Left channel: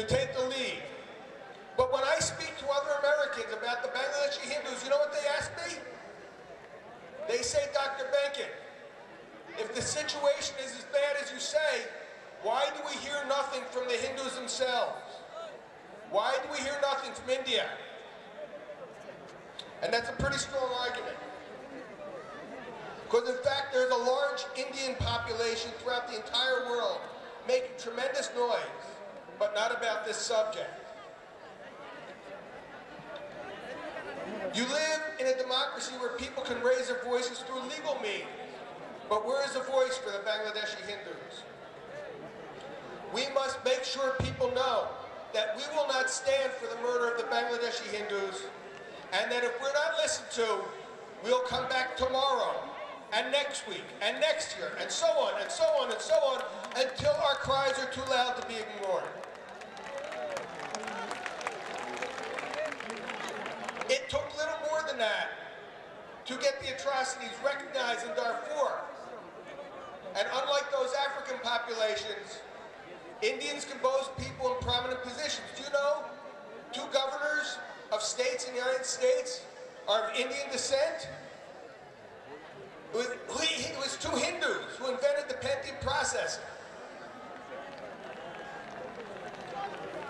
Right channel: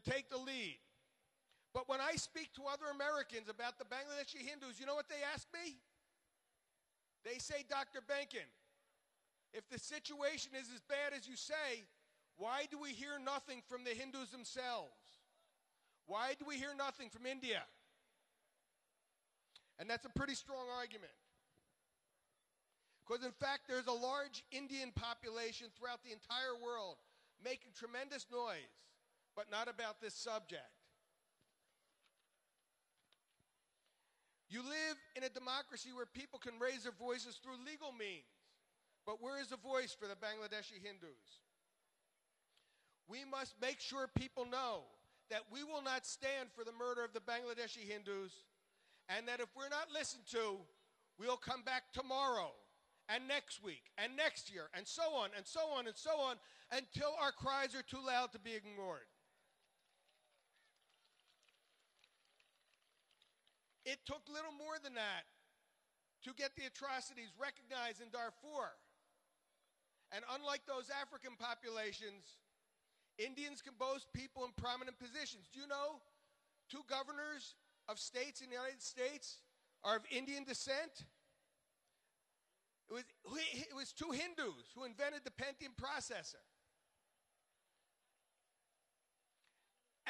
to take the lead. But when I speak to other Americans about the Bangladeshi Hindus, you know what they ask me? They say, Dr. Benkin, if the situation is as bad as you say, why do we hear nothing from the Hindus themselves? Why do we hear nothing from India? And that's a pretty strong argument. Because in fact, there's a large Indian population throughout the entire world making tremendous noise, but not about this subject. You live in a democracy where people can raise their voices through legal means. But where is the voice for the Bangladeshi Hindus? We must make sure people know that we will not stand for the murder of the Bangladeshi Hindus, and that if we're not listened to, we'll come back tomorrow, and next week, and next year, and so on, and so on, and so on, until our cries are too loud to be ignored. It took little more than that to get the atrocities recognized in Darfur. And unlike those African populations, Indians can boast people in prominent positions. Do you know 2 governors of states in the United States are of Indian descent? It was 2 Hindus who invented the Benkin process.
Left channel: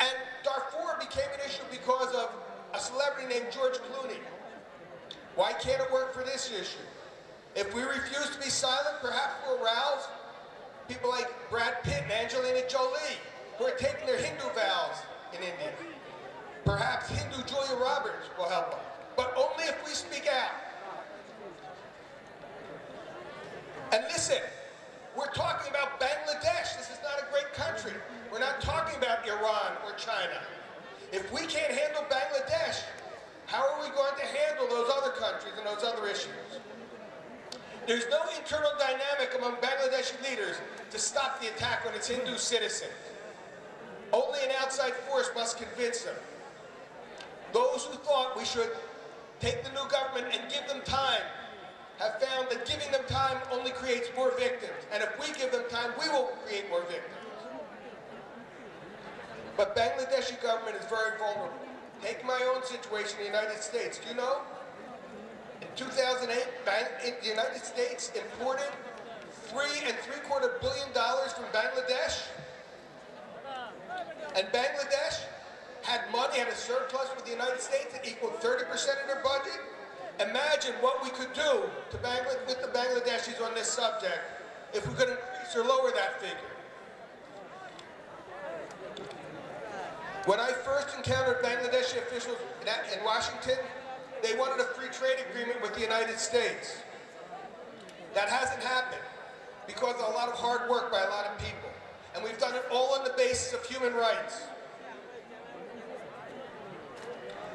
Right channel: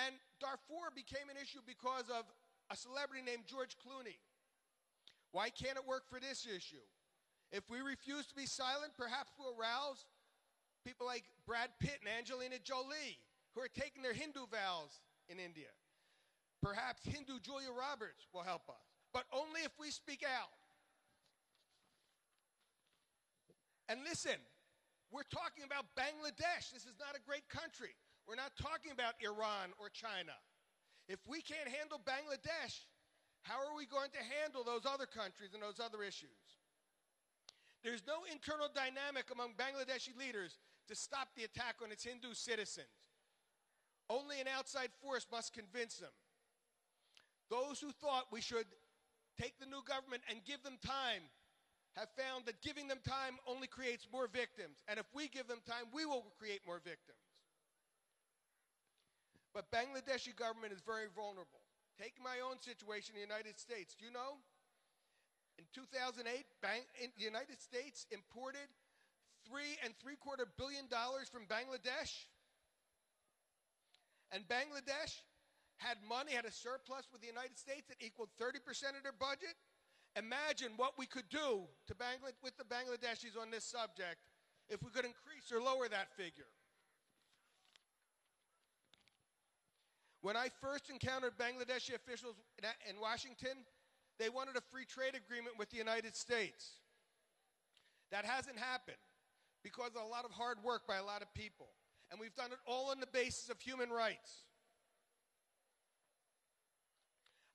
And Darfur became an issue because of a celebrity named George Clooney. Why can't it work for this issue? If we refuse to be silent, perhaps we'll rouse people like Brad Pitt and Angelina Jolie, who are taking their Hindu vows in India. Perhaps Hindu Julia Roberts will help us, but only if we speak out. And listen, we're talking about Bangladesh. This is not a great country. We're not talking about Iran or China. If we can't handle Bangladesh, how are we going to handle those other countries and those other issues? There's no internal dynamic among Bangladeshi leaders to stop the attack on its Hindu citizens. Only an outside force must convince them. Those who thought we should take the new government and give them time have found that giving them time only creates more victims. And if we give them time, we will create more victims. But Bangladeshi government is very vulnerable. Take my own situation in the United States. Do you know? In 2008, the United States imported $3.75 billion from Bangladesh. And Bangladesh had money, had a surplus with the United States that equaled 30% of their budget. Imagine what we could do with the Bangladeshis on this subject if we could increase or lower that figure. When I first encountered Bangladeshi officials in Washington, they wanted a free trade agreement with the United States. That hasn't happened because of a lot of hard work by a lot of people. And we've done it all on the basis of human rights.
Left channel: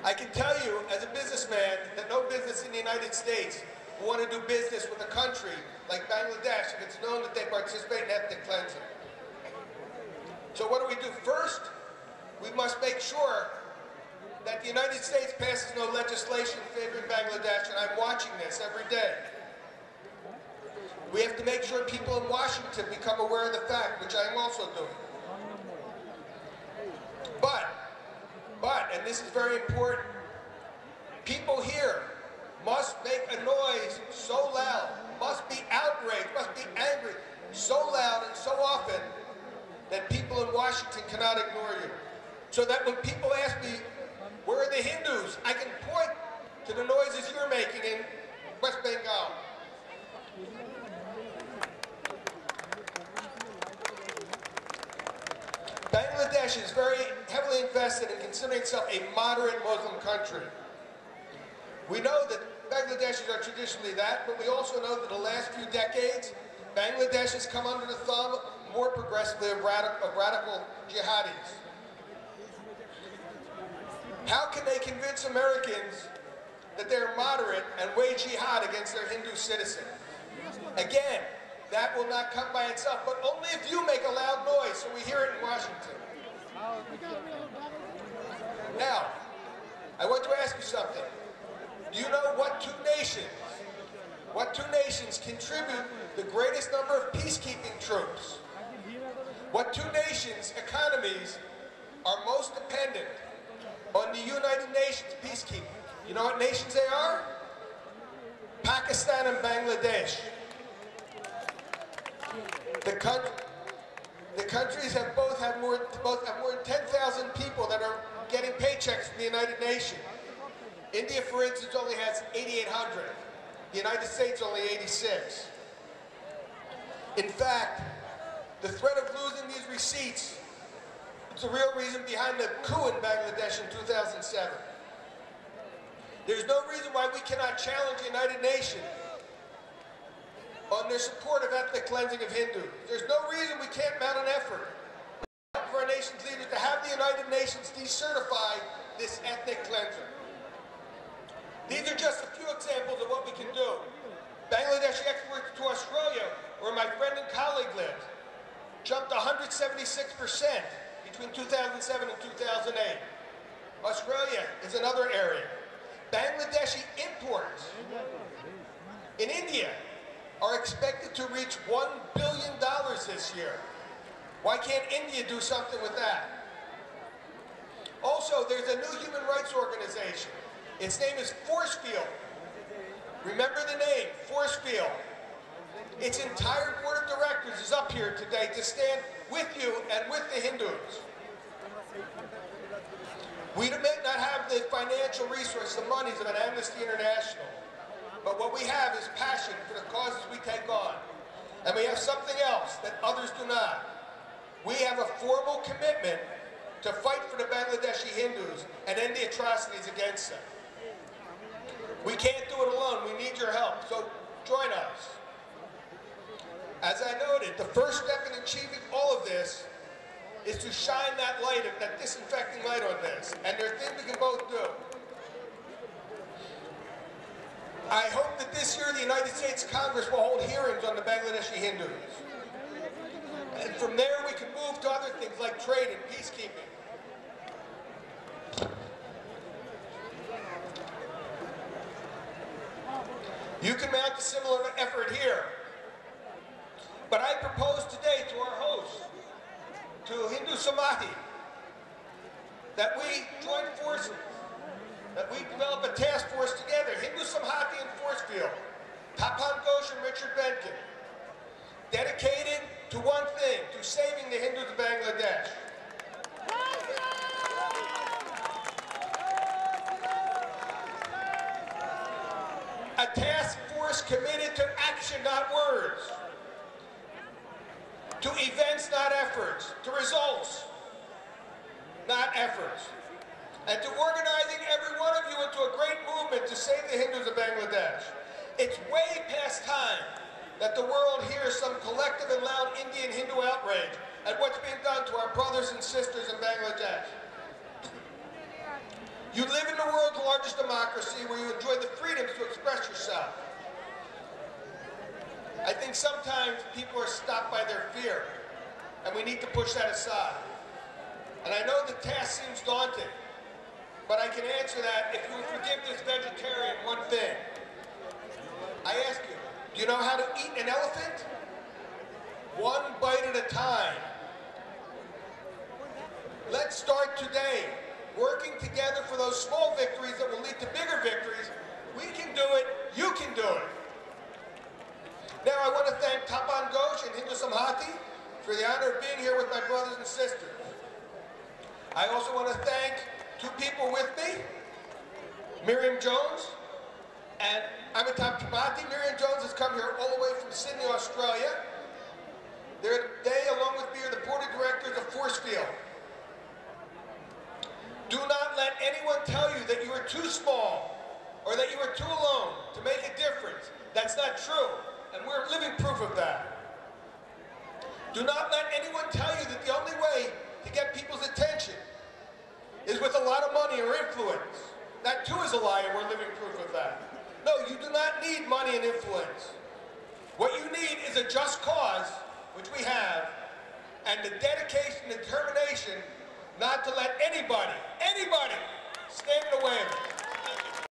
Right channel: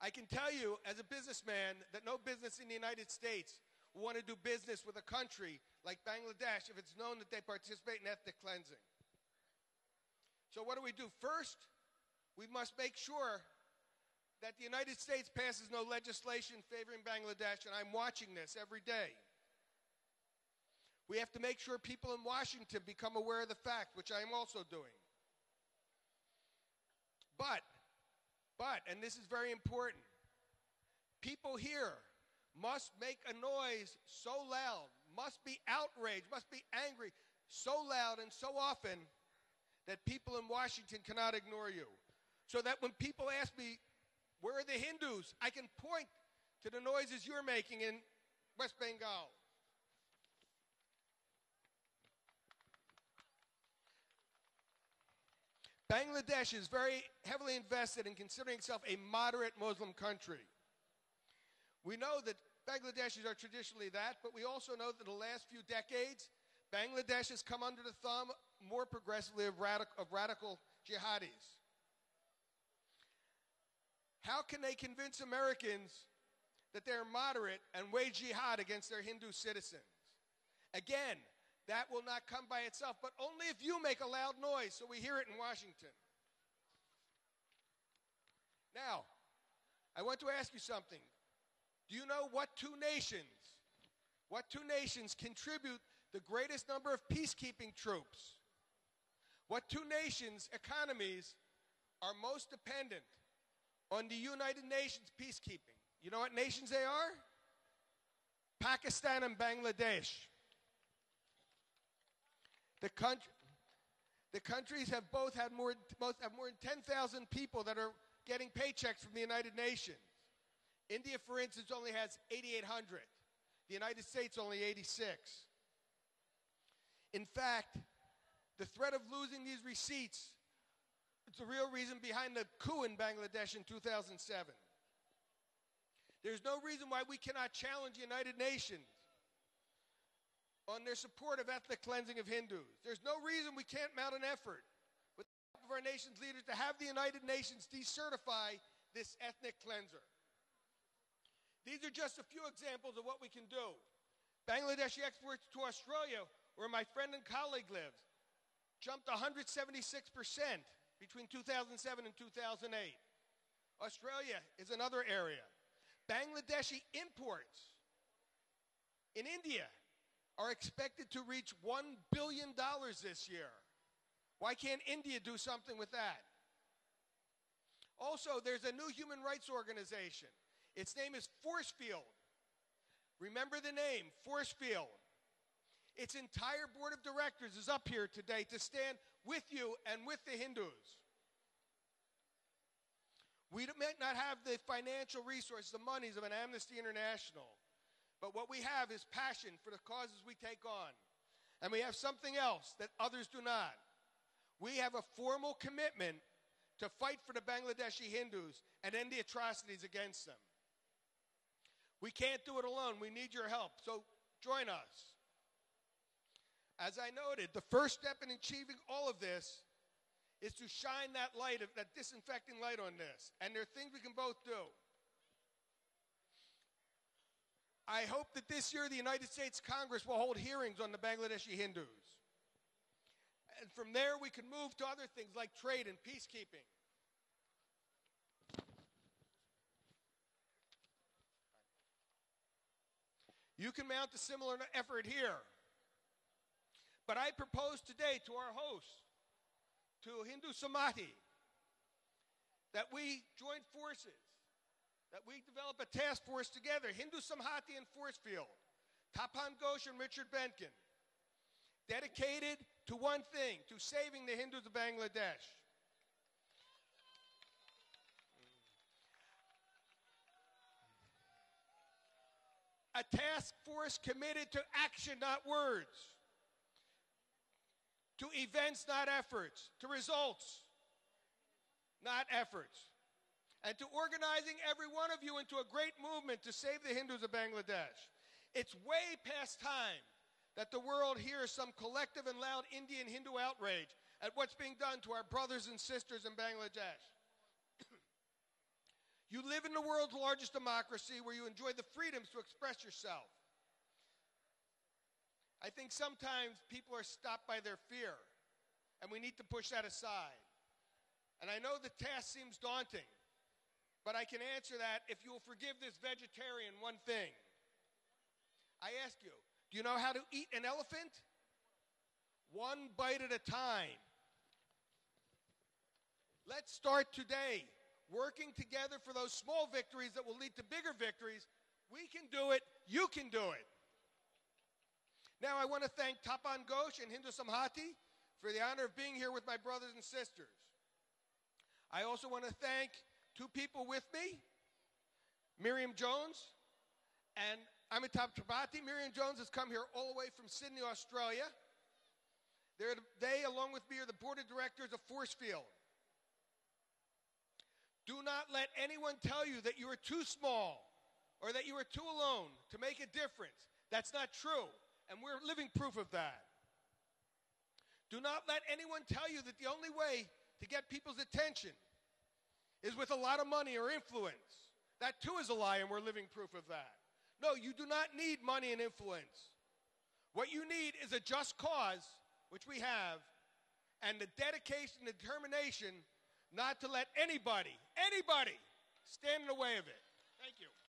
I can tell you, as a businessman, that no business in the United States will want to do business with a country like Bangladesh if it's known that they participate in ethnic cleansing. So what do we do? First, we must make sure that the United States passes no legislation favoring Bangladesh, and I'm watching this every day. We have to make sure people in Washington become aware of the fact, which I'm also doing. But, and this is very important, people here must make a noise so loud, must be outraged, must be angry so loud and so often that people in Washington cannot ignore you. So that when people ask me, where are the Hindus? I can point to the noises you're making in West Bengal. Bangladesh is very heavily invested in considering itself a moderate Muslim country. We know that Bangladeshis are traditionally that, but we also know that in the last few decades, Bangladesh has come under the thumb more progressively of radical jihadis. How can they convince Americans that they're moderate and wage jihad against their Hindu citizens? Again, that will not come by itself, but only if you make a loud noise so we hear it in Washington. Now, I want to ask you something. Do you know what two nations contribute the greatest number of peacekeeping troops? What two nations' economies are most dependent on the United Nations peacekeeping. You know what nations they are? Pakistan and Bangladesh. The countries have both have more than 10,000 people that are getting paychecks from the United Nations. India, for instance, only has 8,800. The United States only 86. In fact, the threat of losing these receipts is the real reason behind the coup in Bangladesh in 2007. There's no reason why we cannot challenge the United Nations on their support of ethnic cleansing of Hindus. There's no reason we can't mount an effort for our nation's leaders to have the United Nations decertify this ethnic cleansing. These are just a few examples of what we can do. Bangladeshi exports to Australia, where my friend and colleague lives, jumped 176% between 2007 and 2008. Australia is another area. Bangladeshi imports in India are expected to reach $1 billion this year. Why can't India do something with that? Also, there's a new human rights organization. Its name is Forcefield. Remember the name, Forcefield. Its entire board of directors is up here today to stand with you and with the Hindus. We may not have the financial resources, the monies of an Amnesty International, but what we have is passion for the causes we take on. And we have something else that others do not. We have a formal commitment to fight for the Bangladeshi Hindus and end the atrocities against them. We can't do it alone. We need your help. So join us. As I noted, the first step in achieving all of this is to shine that light, that disinfecting light on this. And there are things we can both do. I hope that this year the United States Congress will hold hearings on the Bangladeshi Hindus. And from there we can move to other things like trade and peacekeeping. You can mount a similar effort here. But I propose today to our host, to Hindu Samhati, that we join forces, that we develop a task force together, Hindu Samhati and Forcefield, Tapan, Ghosh, and Richard Benkin, dedicated to one thing, to saving the Hindus of Bangladesh. A task force committed to action, not words, to events, not efforts, to results, not efforts, and to organizing every one of you into a great movement to save the Hindus of Bangladesh. It's way past time that the world hears some collective and loud Indian Hindu outrage at what's being done to our brothers and sisters in Bangladesh. You live in the world's largest democracy where you enjoy the freedoms to express yourself. I think sometimes people are stopped by their fear, and we need to push that aside. And I know the task seems daunting, but I can answer that if you would forgive this vegetarian one thing. I ask you, do you know how to eat an elephant? One bite at a time. Let's start today, working together for those small victories that will lead to bigger victories. We can do it, you can do it. Now I want to thank Tapan, Ghosh, and Hindu Samhati for the honor of being here with my brothers and sisters. I also want to thank two people with me, Miriam Jones and Amitabh Tripathi. Miriam Jones has come here all the way from Sydney, Australia. They, along with me, are the board of directors of Forcefield. Do not let anyone tell you that you are too small or that you are too alone to make a difference. That's not true. And we're living proof of that. Do not let anyone tell you that the only way to get people's attention is with a lot of money or influence. That too is a lie, and we're living proof of that. No, you do not need money and influence. What you need is a just cause, which we have, and the dedication and determination not to let anybody